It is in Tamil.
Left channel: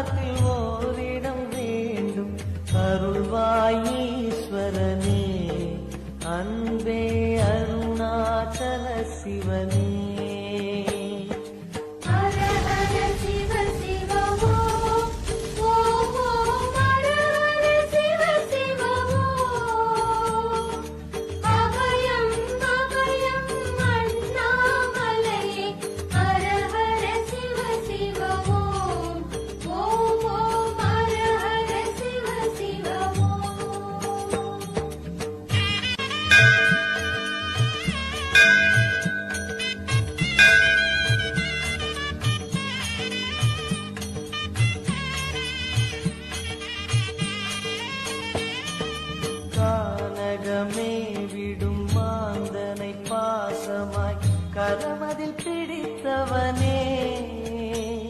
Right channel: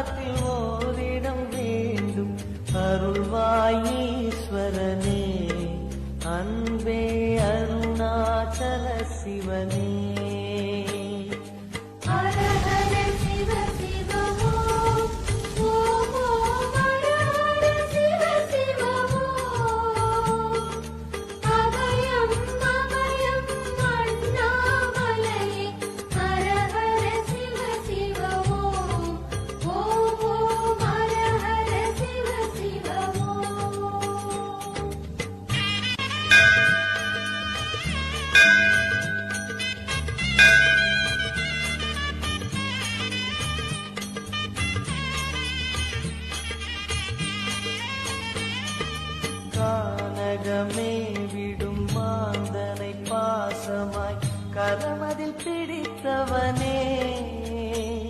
பாதத்தில் ஓரிடம் வேண்டும். அருள்வாயீஸ்வரனே அன்பே அருணாச்சல சிவனே. உலகமே விடும் மாந்தனை பாசமாய் கரமதில் பிடித்தவனே.